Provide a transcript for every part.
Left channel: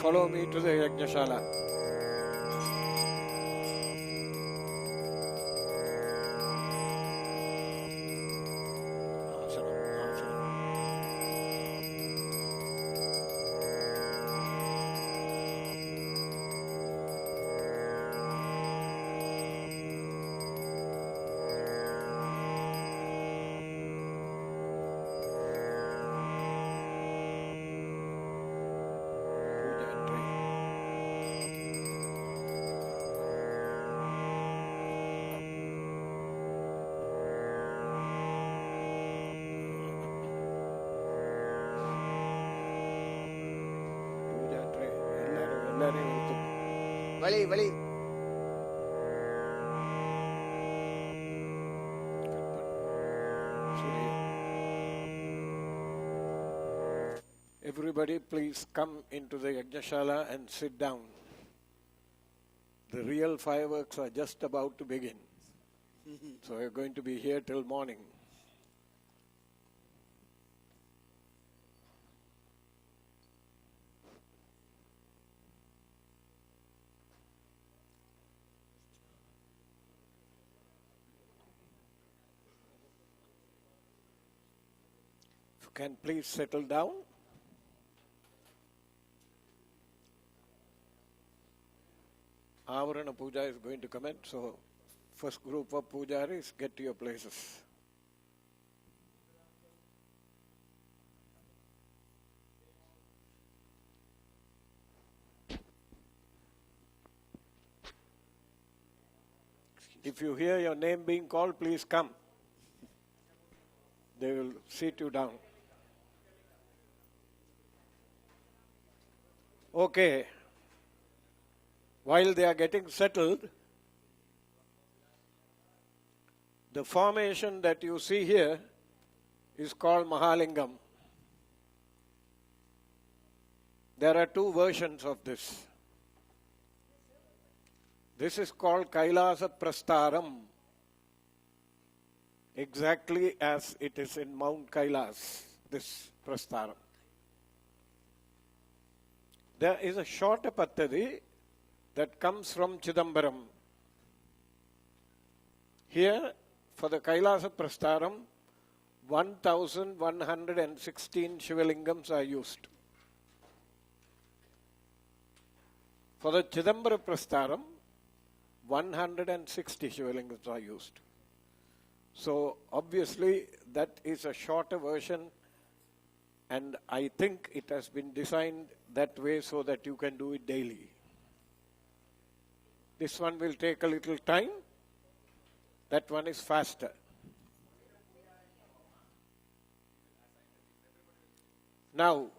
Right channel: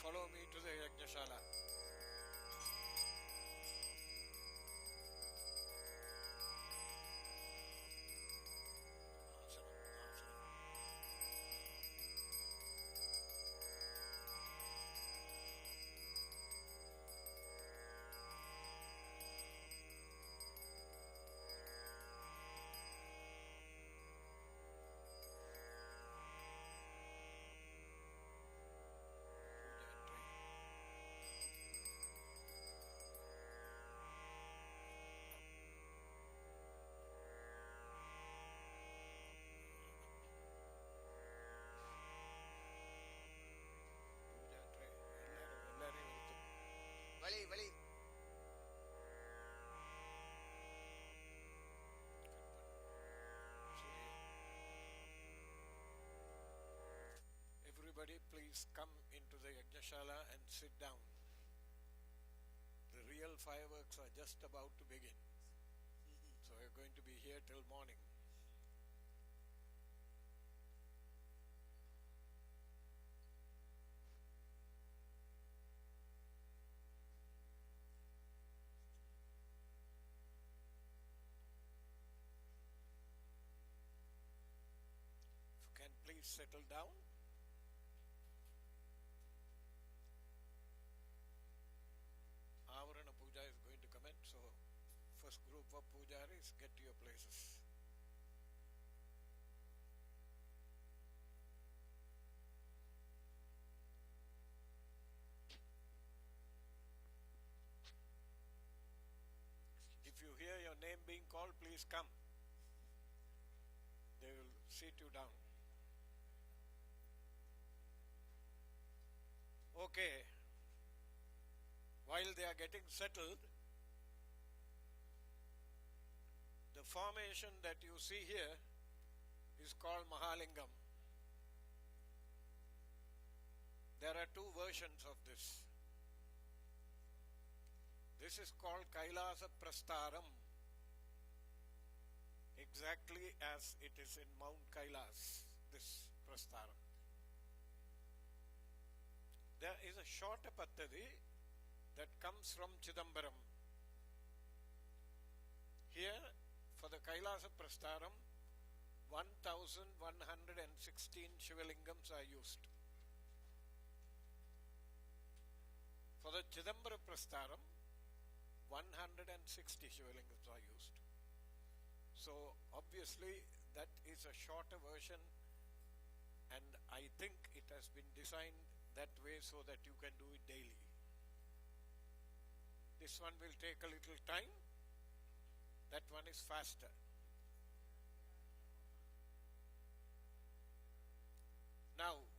follow me to the Yajnashala. Vali. Everybody please come into the Yajnashala and sit down. The real fireworks are just about to begin. So we're going to be here till morning. If you can please settle down. Avarana Puja is going to commence, so first group of pujaris, get to your places. If you hear your name being called, please come. They will sit you down. Okay. While they are getting settled, the formation that you see here is called Mahalingam. There are two versions of this. This is called Kailasa Prastaram, exactly as it is in Mount Kailas, this Prastaram. There is a shorter Pattadi that comes from Chidambaram. Here, for the Kailasa Prastaram, 1,116 Shivalingams are used. For the Chidambara Prastaram, 160 Shivalingams are used. So, obviously, that is a shorter version, and I think it has been designed that way so that you can do it daily. This one will take a little time. That one is faster. Now,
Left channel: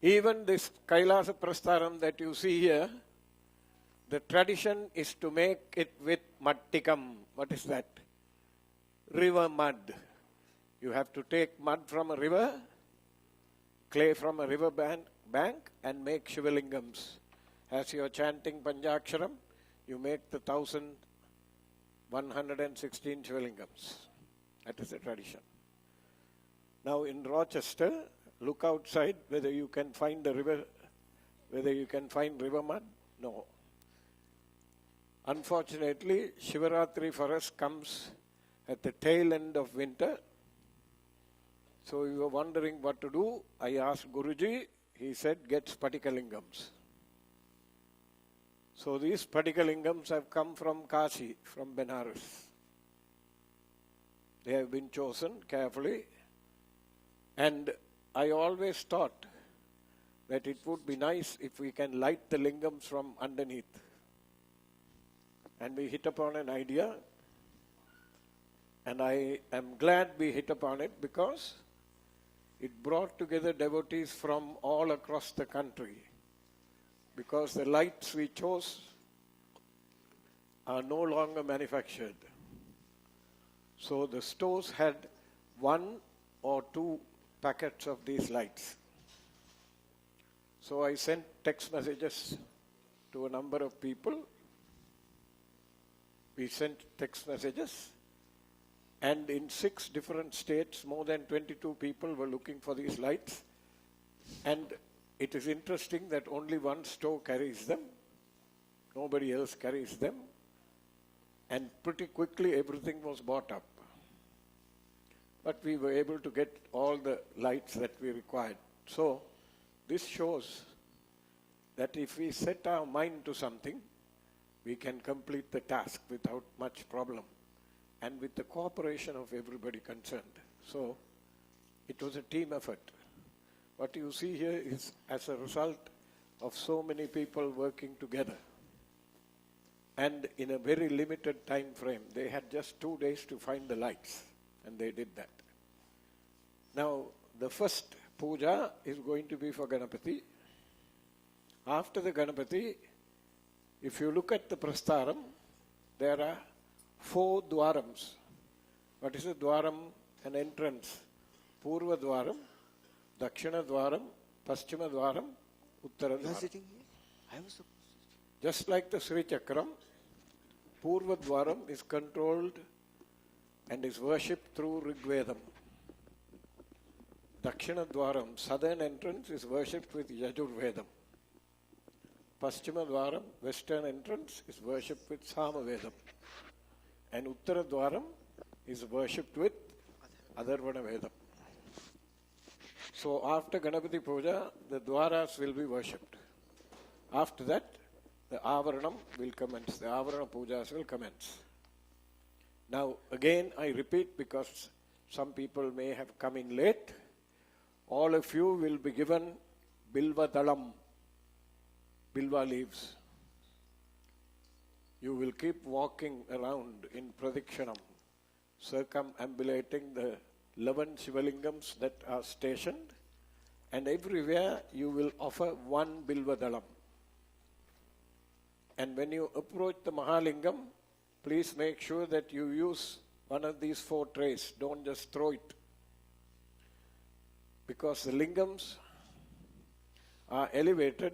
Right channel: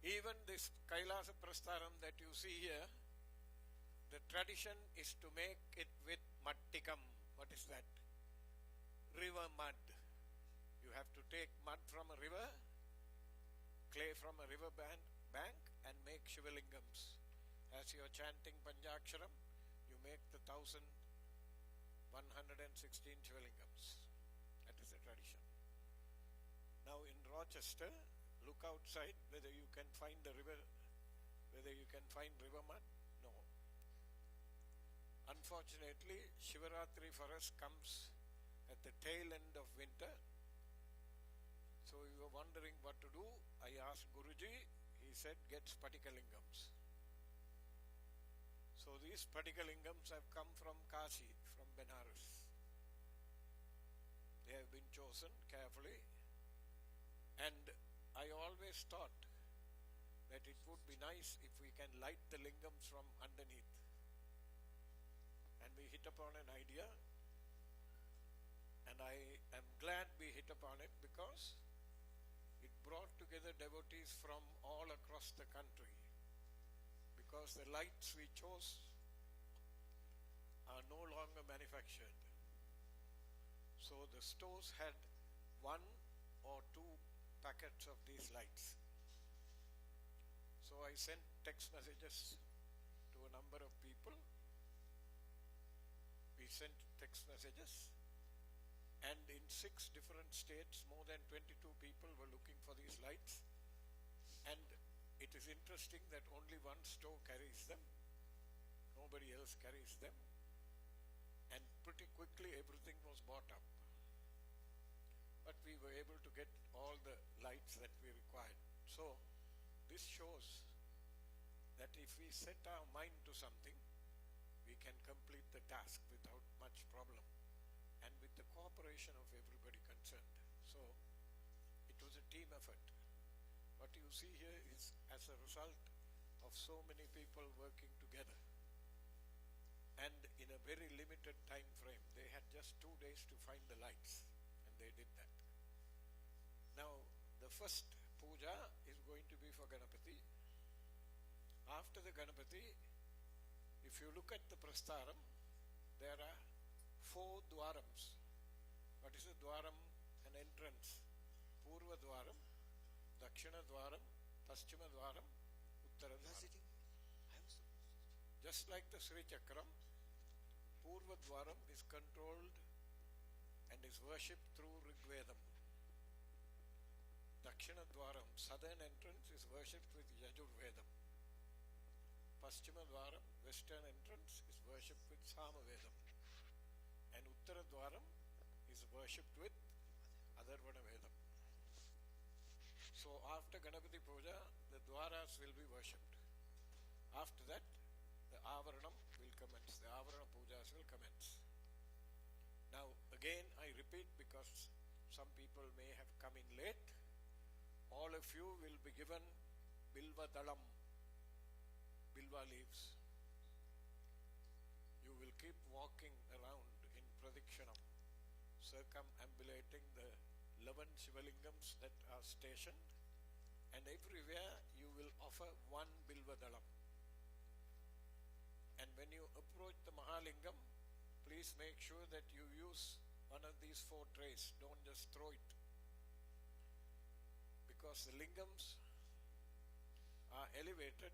even this Kailasa Prastaram that you see here, the tradition is to make it with mattikam. What is that? River mud. You have to take mud from a river, clay from a river bank, and make Shivalingams. As you are chanting Panchaksharam, you make the 1,116 Shivalingams. That is the tradition. Now in Rochester, look outside whether you can find the river, whether you can find river mud. No. Unfortunately, Shivaratri for us comes at the tail end of winter. So we were wondering what to do. I asked Guruji. He said, get Spatikalingams. So these Spatikalingams have come from Kashi, from Benares. They have been chosen carefully. And I always thought that it would be nice if we can light the lingams from underneath. And we hit upon an idea. And I am glad we hit upon it because it brought together devotees from all across the country, because the lights we chose are no longer manufactured. So the stores had 1 or 2 packets of these lights. So I sent text messages to a number of people. We sent text messages And in 6 different states, more than 22 people were looking for these lights. And it is interesting that only one store carries them. Nobody else carries them. And pretty quickly everything was bought up. But we were able to get all the lights that we required. So this shows that if we set our mind to something, we can complete the task without much problem and with the cooperation of everybody concerned. So it was a team effort. What you see here is as a result of so many people working together. And in a very limited time frame, they had just 2 days to find the lights, and they did that. Now, the first puja is going to be for Ganapati. After the Ganapati, if you look at the Prastaram, there are 4 dwarams. What is a dwaram? An entrance. Purva dwaram, Dakshina dwaram, Paschima dwaram, Uttara dwaram. You are sitting here? I was supposed to. Just like the Sri Chakram, Purva dwaram is controlled and is worshipped through Rigvedam. Dakshina dwaram, southern entrance, is worshipped with Yajurvedam. Paschima dwaram, western entrance, is worshipped with Samavedam. And Uttara dwaram is worshipped with Atharvana Vedam. So after Ganapati Puja, the dwaras will be worshipped. After that, the Avaranam will commence. The Avarana Pujas will commence. Now again I repeat, because some people may have come in late, all of you will be given Bilva Dalam, Bilva leaves. You will keep walking around in Pradikshanam, circumambulating the 11 Shivalingams that are stationed, and everywhere you will offer 1 Bilva Dalam. And when you approach the Mahalingam, please make sure that you use one of these 4 trays. Don't just throw it. Because the lingams are elevated